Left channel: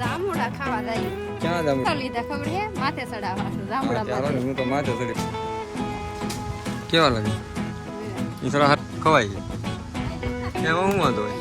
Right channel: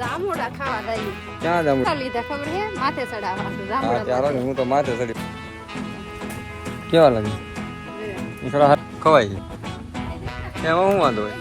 જામુડા ખાવા દઈ ક્યાં જામુડા લીધા ખબર હે માથે ચડાવવા. જામુડા ચાલો હું તો માથે ચડી કેવા લાગે? હાથ ખવાય છે. એમાં શું વાંધો હોય?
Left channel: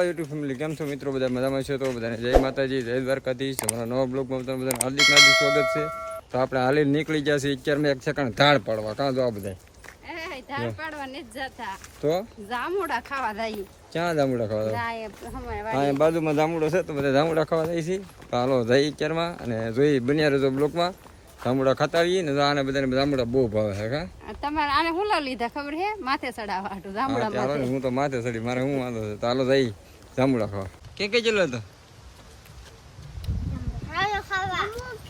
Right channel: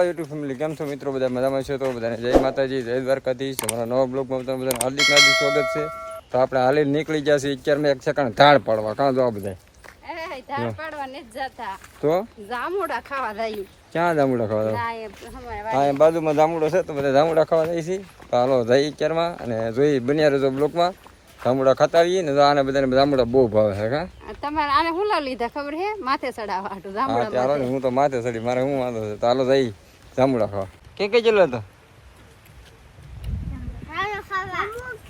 યુટ્યુબ ફેમિલી કેમ છો મિત્રો? બધા મજામાં છે? તો બધાને જય માતાજી જય દ્વારકાધીશ. અમારા નવા બ્લોગમાં બધાને હાર્દિક હાર્દિક સ્વાગત છે. તો આપણે હાલી નીકળી ગયા છીએ. અત્યારમાં એક સેકન્ડ ધાડ પાડવા. કાં જો આ બધા? તો? જામુડા ખાવા દઈ ક્યાં જામુડા ખાવા હા એ બાજુમાં જામુડો છે તો બધા જામુડા ખાવા જાય છે. તો હાલો અત્યારમાં અને જોઈ બન્યા રહેજો બ્લોકમાં. જામુડા ખાતા આવીએ ને તો આને બધાને જામુડા બહુ ભાવે છે હા? તમારે આને હું લીધા ખબર હે માથે ચડાવવા હાટુ જામુડા ચાલો ને હું તો માથે ચડી મારે શું વાંધો છે? તો હાલો જઈ જામુડા ખાવા. કે કે ચલો તો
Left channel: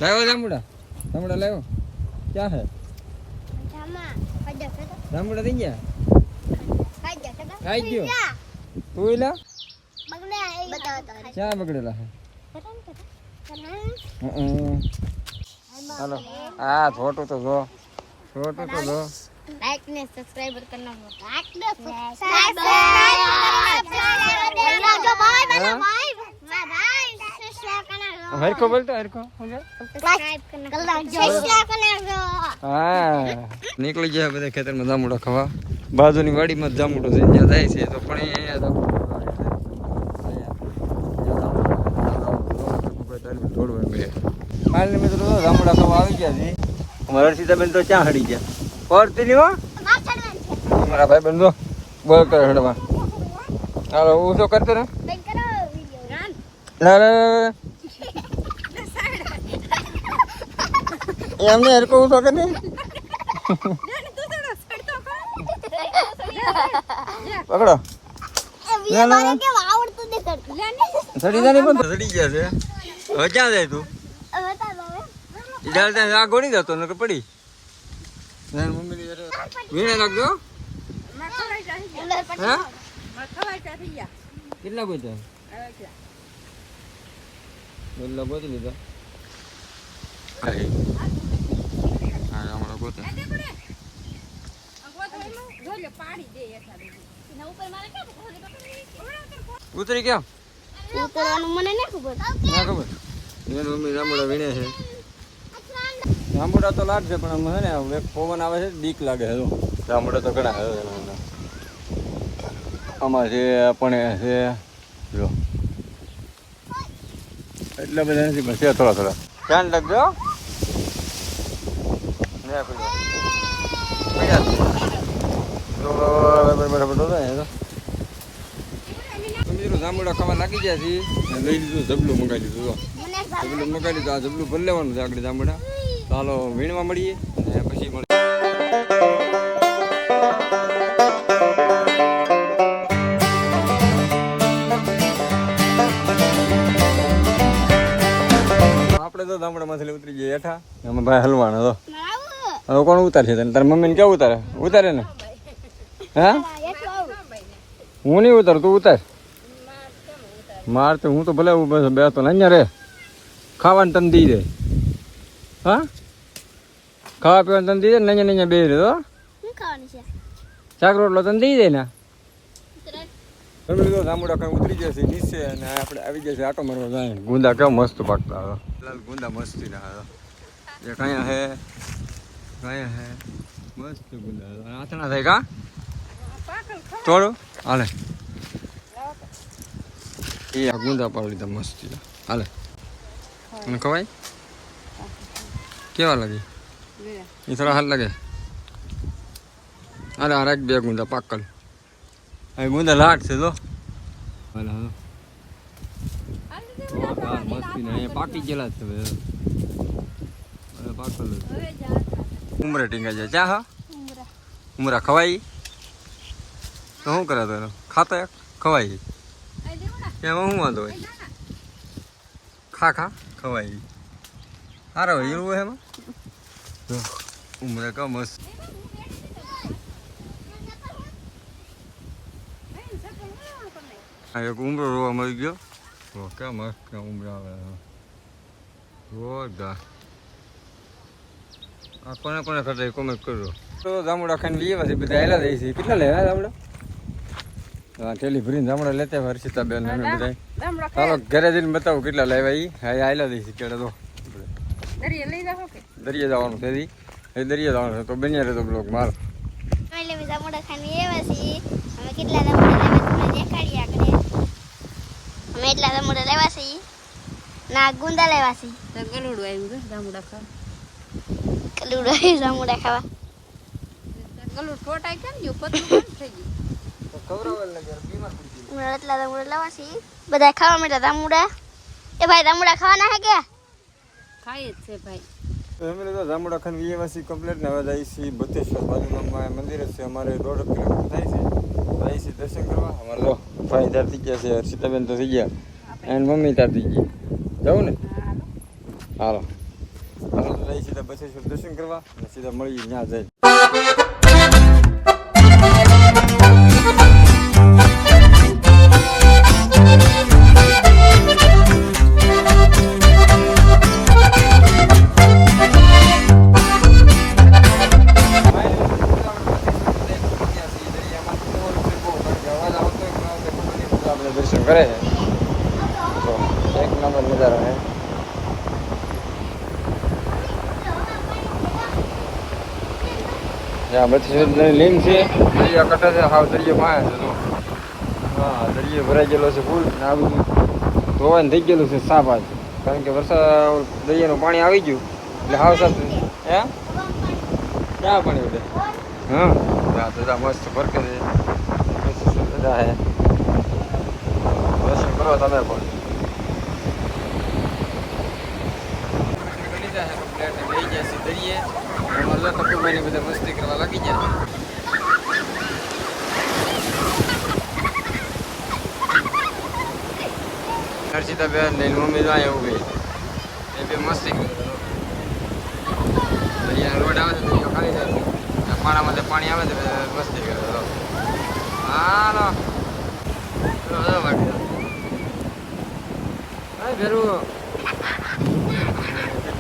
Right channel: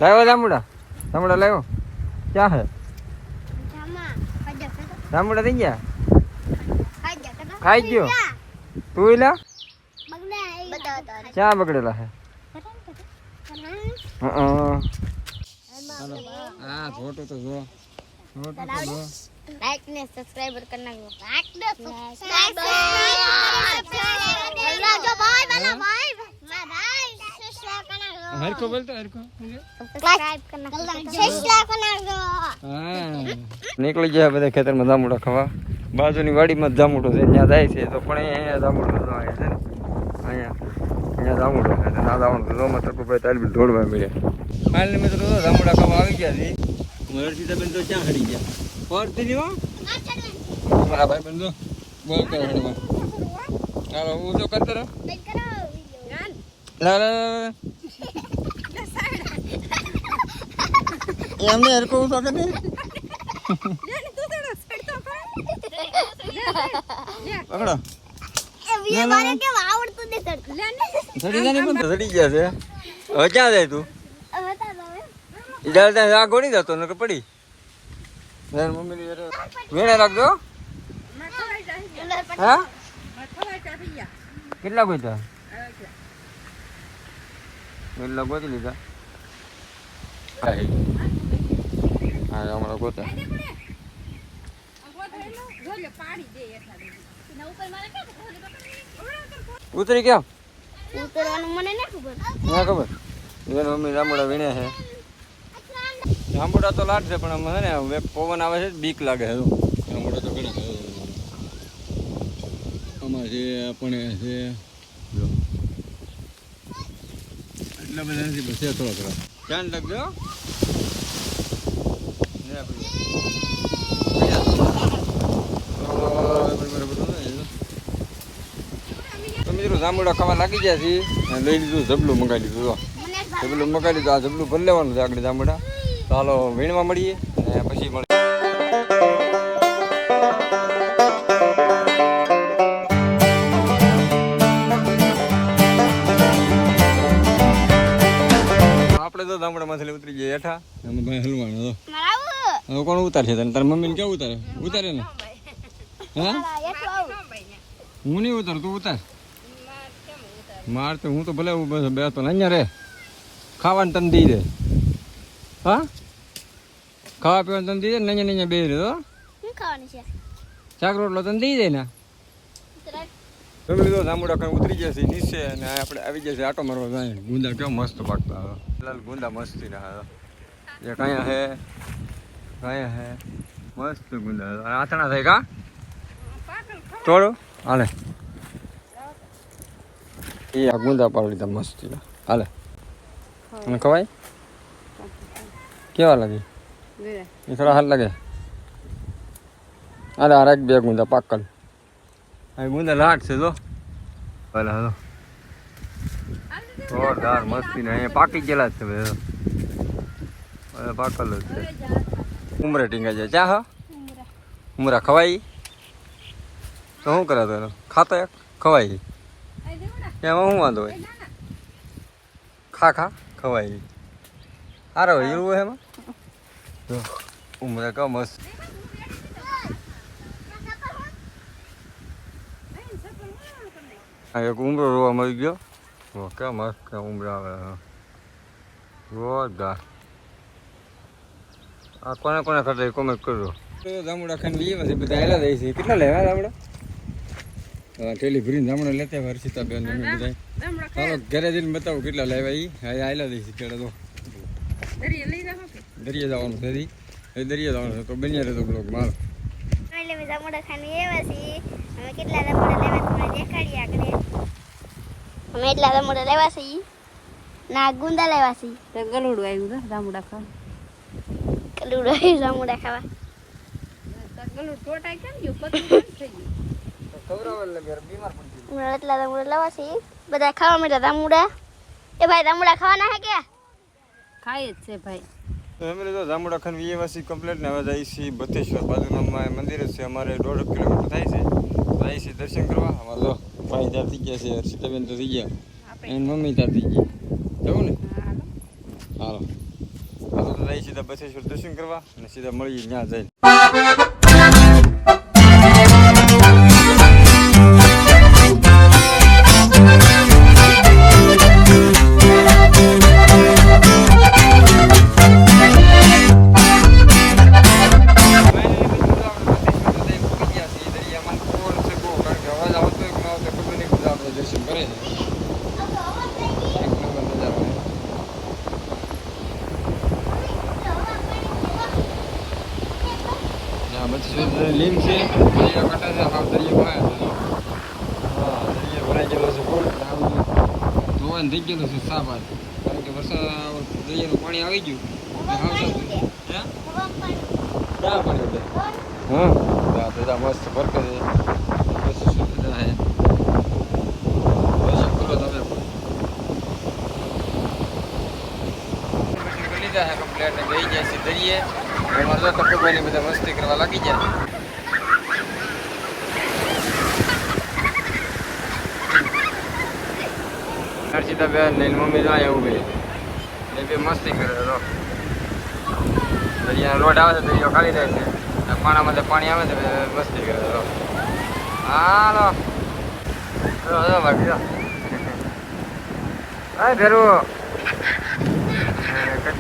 લાવ્યો જામુડા? જામુડા લાવ્યો ક્યાં હે જામુડા થઈ ગયા ખાઈ ગયો તું લા ક્યાં બગડેલા છે હં. હાલો હા છોટું તો જો છોટું તો જો लाइक ने सब्सक्राइबर करना लाइक ने सब्सक्राइब હરખો બોલતો હરખો હા નીકળી ગયા બધા ખેતરમાં જામુડા ખાવા બાજુની વાડીમાં જ જામુડો છે ત્યાં જાય છે તો પણ અહીંયા જામુડો આવે છે અહીંયા અહીંયા જામુડો છે ના તો ભાઈ તારી દોડવા મળે કાલની મિત્રો તો જામુડા ખાવા આવી ગયા છે. અમારા હર્ષિતાબેન તો ક્યાં હડી ગયા? પડતી નહીં હો. અમારા ભાઈ બેન તો બોલ કરે હડવા હાલો હું તો કરતો ને લા લા લા લા. એમને હરકો ઉઠો કે નહીં પકડો. ચડી પણ ચડી ગયા છે. હવે ક્યાં જાય તું? ઈજાલ ત્યાં આ ગોળી જતો ને પડી. વીણે રાખજો હા. કેટલા ગોતા કેટલા ગોતી લીધા? હા એ. હા ગોતા ઉતરી કેમ ઉતરવાનું મને ના ખબર. ના ખબર? એની મમ્મી જાંબુડા વીણે છે. જાંબુડા તો લાટ છે પણ આમ હે ને હવે પવન આવે છે બીક લાગે છે જો. જાંબુડા તો ઘણા છે આમાં છે પણ છે જો. એટલા બધા નથી બસ થોડા થોડા. ધ્યાન રાખજો ને મિત્રો જાંબુડા ખાવા લાગી ગયા છે? અને લઈ લીધું જબલું મંગાવી દીધું જો. જબલું મંગાવી દીધું આ જબલું ભરી લેવાનું છે આગળ જાંબુડા. ચાલો વીણવા મળીએ અને પછી મળીએ. આપણે તો ગામડામાંથી ઉતરી ગયા હેઠા. એમાં ભાઈ હલવાના તો હવે કોણ ઉતારશે તને? તારી મમ્મીને કેવું ઉતારે? ઉતારે ને? હા? હું નહીં ઉતારું તું ઉતાર. માર તો હું તો ભલે બેસતો ને અહીંયા રે. ખાવાનું તને દઈ દે. હા? ખાવા પીવાનું તને દી દે ને અહીંયા ને અહીંયા બે રે તો શાક રોટલો તને દઈ દે ને. લીધો જાંબુડા કઈ ઉતરી છે નીચે અને આપણે આવી છે આટો મારવા જાય. ગુંદા કેવો મસ્ત પાકતા લાલ ગુંદા મસ્તી રહ્યા એ કયા હે કયા હે. મસ્ત ગુંદા. અને આથણા થાય કા? તોડો. હાલે. એ આ ગુંદા પાડી લીધા મસ્તી હાલે. અને ખવાય? કેવા લાગે? એ થોડા હાલ લાગે. અરે આ રાખ બે ગુંદા પાકલ આ ગુંદા લાટ છે તો ભલે હાલો. જોરદાર મસ્તી ને અહીંયા પાકી ગયેલા જ છે બધા પાકલ જ છે. ઉમરે ટીંગા જાય. ચા હા. ઉમરા ખવાય તો શું કરે તો? ખાતો ખવાય એમાં શું વાંધો હોય? ખા ખા. સારો હોય એવું એમાં? ઉમરે કા મસ્ત. એક ઉમરો રોવા મળી ગયો. કેમ મસ્ત ઉમરા આવે. જોરદાર. આ કોને કોને કરતા કોમેન્ટ કરજો. તો જામુડા ખાઈને બી એવા છે બધા હેલા દઈ છે કેટલા લેવા જામુડા? ટેલી ભરીને જામડા લેતા હોય હર્ષિતાબેન અને બધા. ચાલો ઘરે જઈને બતાવું કેટલા લેવા ઈ. હા આયલા દઈ છે કેળે તો. દરિયા લઈ જાઓ કે? દરિયા જવાનું છે દી એ દરિયા જવાનું છે તો બન્યા રહેતો બ્લોગ મારો જામુડા ખાઈને એવા છીએ. અમે કેટલા જામુડા લેવા દેખાડીએ આગળ. અમે એટલા જામુડા લેવા છીએ. ના ગુંદા લેવા છીએ. તો ગલુડું આવ્યું છે ગામડા ખાવા કલુડો જામુડા ખાવા. ગલુડ ટોટાઈ કેમ ગયું કેમ થઈ ગયું. અમે એટલા રામુડા લાવા છીએ બધા ખાવા માંડ્યા જામુડા એ ભાઈ રામુડા ખાવાના હે કે? ખાય જ છે ભાઈ. અમે તો જામુડા ખાન વિયવાસી કમ્પ્લેટ ને હવે જાય છે બતેશ્વર બાજુમાં મંદિર છે અમારે દોઢ કિલોમીટર થાય છે. જાય છે દર્શન કરવા. અમારે લો ભાઈ ત્યાર થઈ ગયા છે હર્ષિતાબેન તો થઈ ગયા. એન્ડ મમ્મી ત્યાર થઈ ગઈ. જવું ને? હાલો. હાલો તો જઈ સીધા બથેશ્વર દર્શન કરવા અને સીધા મળીએ ત્યાં જઈને. દર્શન કરે છે. એક નંબર નજારો પહોંચી ગયા છીએ દરિયામાં ફોન છે બહુ કારણ કે અવાજ આવતો હોય કે ના આવતો ખબર નહીં બધા આપણે દર્શન કરે છે તો એક નંબર નજારો છે જ્યાં બથેશ્વર લીમ છે. દરિયા કટા છે હાવ દરિયો પાસે છે જો. હા દરિયો ભરાઈ ગયેલો છે ફૂલ આ બધું ધોવાઈને થઈ ગયેલું છે સાફ આજ. કારણ કે વરસાદ દરિયાનું પાણી આવી ગયું. એટલે હાવ સાફ. હે? ક્યાં પણ એટલે? હા. દાદા મસ્ત ફરકે છે. દર્શન કરો તમે પણ. લીધા છે કમ્પ્લેટ ને લઈ જાય છે દરિયે એમાં તો બધા મસ્તી કરવા લાગી ગયા. હર્ષિતાબેન ને એની મમ્મી ના એવું બે એ બે મસ્તી કરે તો દરિયાનો રોડ આવે છે દરિયો ખાલી જાય છે. પાણામાં પાણી આવે છે મસ્તી કરે તો હાલો. જો, જો, ભાઈ, જો.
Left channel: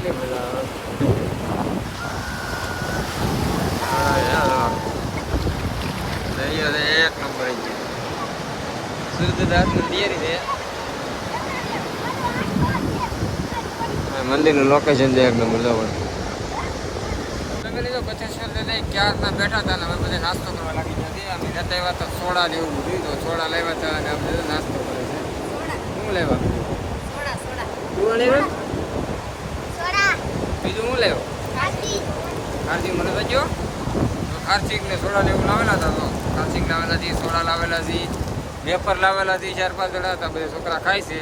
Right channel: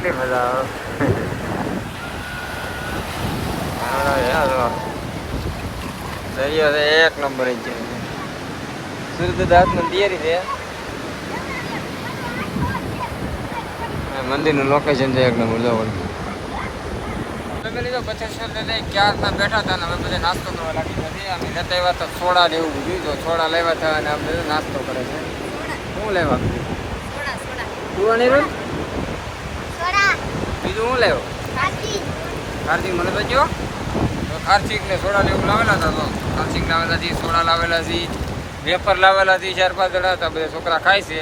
હા કેટલી મજા આવે. હા, દરિયો છે એક નંબર છે. સૂર્યદાસ મંદિર છે. મંદિરનું લોકેશન છે એક નંબર જો પણ તમે લીધો બથેશ્વર ક્યાર ક્યારના બેઠા હતા ને અમે બધા નાસ્તો કરવા લાગી નથી અમે રહેતા એવા તો સોડા ને એવું બધું તો સોડા લેવા હતા અને અમે બધું નાસ્તો કરે છે. શું લેવા? તું લેવા? સોડા બીજું શું લેવો કાચી ખારચીક મને બેજો તો ખારચીક ને સોડા ને એવું લાવેલા હતા તો? ખારચીક લાવેલા છે સોડા લાવેલા છે વેફર લાવેલા છે ચાર પાંચ જણા હતા બધા છોકરા ખાય છે.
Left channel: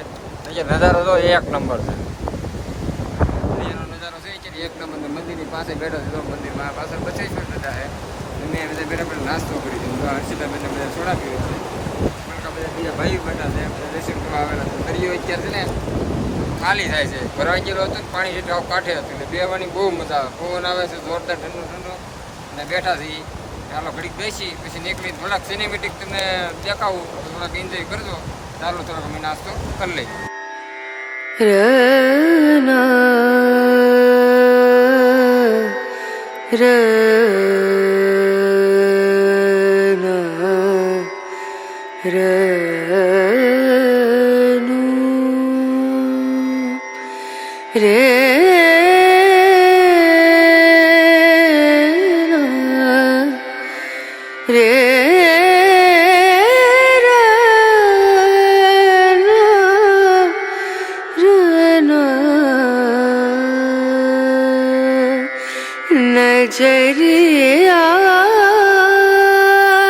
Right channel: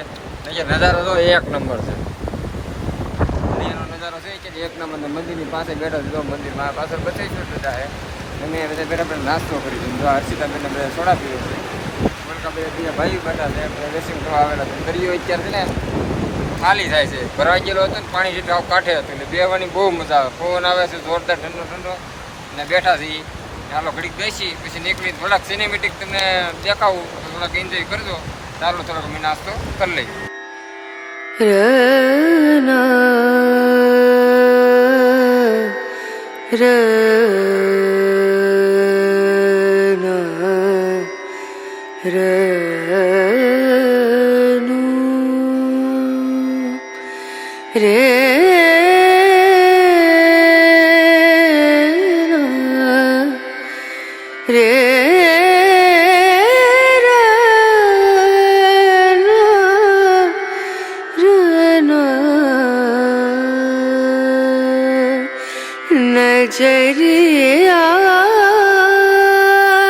એટલે નજારો તો એક નંબર છે. એનો નજારો છે કે એક નંબર ને મંદિરની પાસે બેઠા છે તો મંદિરમાં પાછળ બચેશ્વર દાદા હે અમે બધા બેઠા બેઠા નાસ્તો કરી છે. જો હર્ષિતા બેન બધા સોડા પીવે છે. મોલકા બધા બીજા ભાઈ બેઠા છે બધા દર્શન કરવા આવેલા છે. દરિયો અત્યારે છે ને ખાલી થાય છે. ભરાઈ ગયેલો હતો ને, પાણી જેટલું કાંઠે હતું, એટલે બેવાની બહુ મજા આવે. પવન આવે છે, જોરદાર ઠંડો ઠંડો. અને બેઠા છીએ ચાલો ઘડીક બેસી, પછી નીકળી થોડાક સિનેમેટિક તમને દેખાવું થોડાક એન્જોય કરજો. ચાલો થોડાક અમે નાસ્તો કરી લઈએ.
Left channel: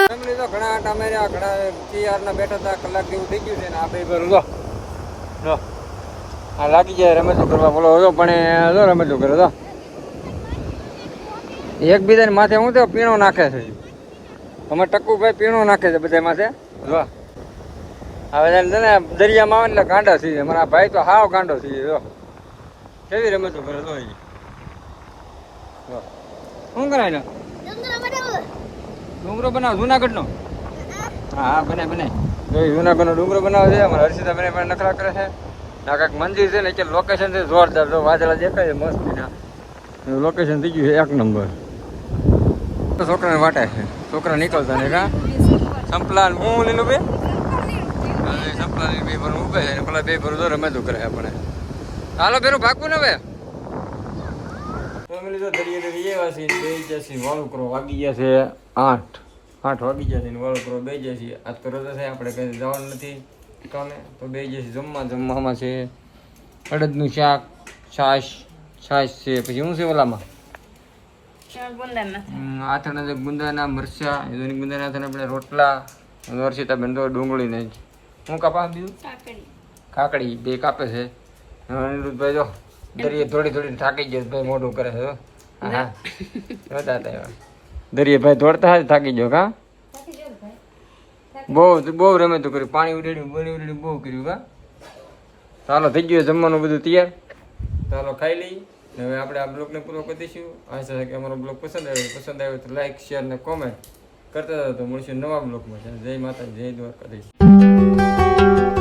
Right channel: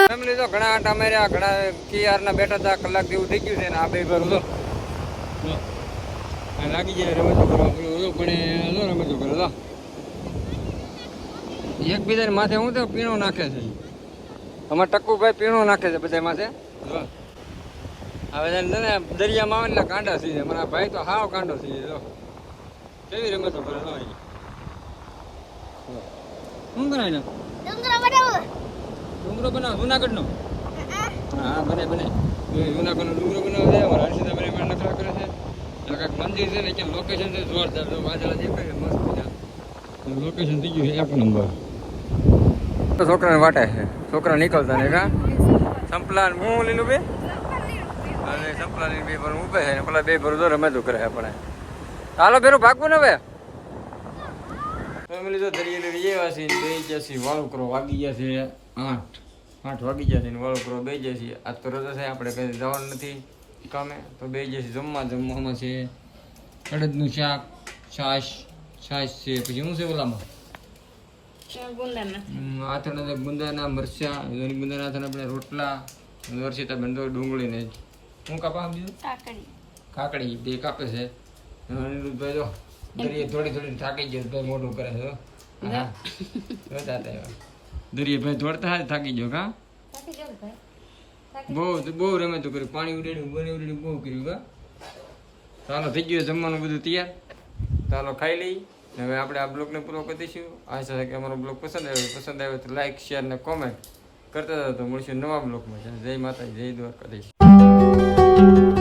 ફેમિલી તો ઘણા આંટા માર્યા ઘણા કિયારના બેઠા હતા, કલાક જેવું થઈ ગયું છે ને આ બે ઘર, જો. આ લાગી જાય રમતું કરવા. બોલો હતો પણ એ જો રમતો કરે તો. એકબીજાને માથે હું તો પીણો નાખે છે. અમારે ટક્કુભાઈ પીણો નાખે છે બધા માથે. જો હવે છે ને દરિયામાં આવે ને એટલે ગાંડા થઈ જાય. મારા ભાઈ તો હાવ ગાંડો થઈ જાય જો. કેવી રમતું કરે તો શું કરાય ને ડુંગરો બનાવો. ડુંગરો બનાવ જુનાગઢ નો હા. હા બને બને જુનાગઢ નો ડુંગરો બનાવે છે. અમારા હર્ષિતા બને પણ નખરા કરે છે. આ કાંઈક મંદિર છે ને કે લોકેશન છે જોરદાર. જો વાદળા દેખાય છે મસ્તી ના લોકેશન થઈ ગયું છે એક નંબર છોકરાને વાટે છે. છોકરા નીકળતા ને કા? સંપલાન હું લીલું બે? હવે સંપલાની બે ભર ઉભે છે. ને પેલા બે ભર તો રમે તો કરે આપણે. હાલો પેલું ભાગવું ને હવે? ફેમિલી તો દરિયે દરિયે એવા છે બે જશે વાળુકરો વાગી ગયા છે આઠ. આઠ વાગી ગયા છે વાળુકરો વાળું કરો બે જશે આજ તો રજા છે આપણે કઈ જવાનું નથી. કામે? તો બે જે જમવા જમવામાં છે. અડદનું શાક છાશ છાશ છે. પછી શું છે ઓલામાં? આથણા ગુંદાના મરચા ગુંદાના આથણા આપણે રોટલા વર્ષિતા બેન તો ડુંગળી ને શું કાપા બીજું? કાકડી. બે કાપે છે. અનિરુદ્ધભાઈ જો દરિયે થોડી થોડી થાકી ગયા ભાઈ મોઢું કરે છે. હા. દરિયે ભાઈ દોડતા થાકી ગયો કા? બહુ બહુ રમે તું કર્યું. પાણી ઉડાડ્યું બની ઉડાડ્યું, બહુ કર્યું કા ચાલો, થઈ ગયું જમવાનું બધું તૈયાર. ચાલો, ખાઈ લઈ. હવે આપણે આ બ્લોગને પૂરો કરી દઈશું. આશા કે અમારો બ્લોગ પસંદ આવ્યો. પસંદ આવ્યો તો લાઇક શેર ને કોમેન્ટ કરતા હતા તો મળશું નવા બ્લોગમાં. જય માતાજી, જય દ્વારકાધીશ.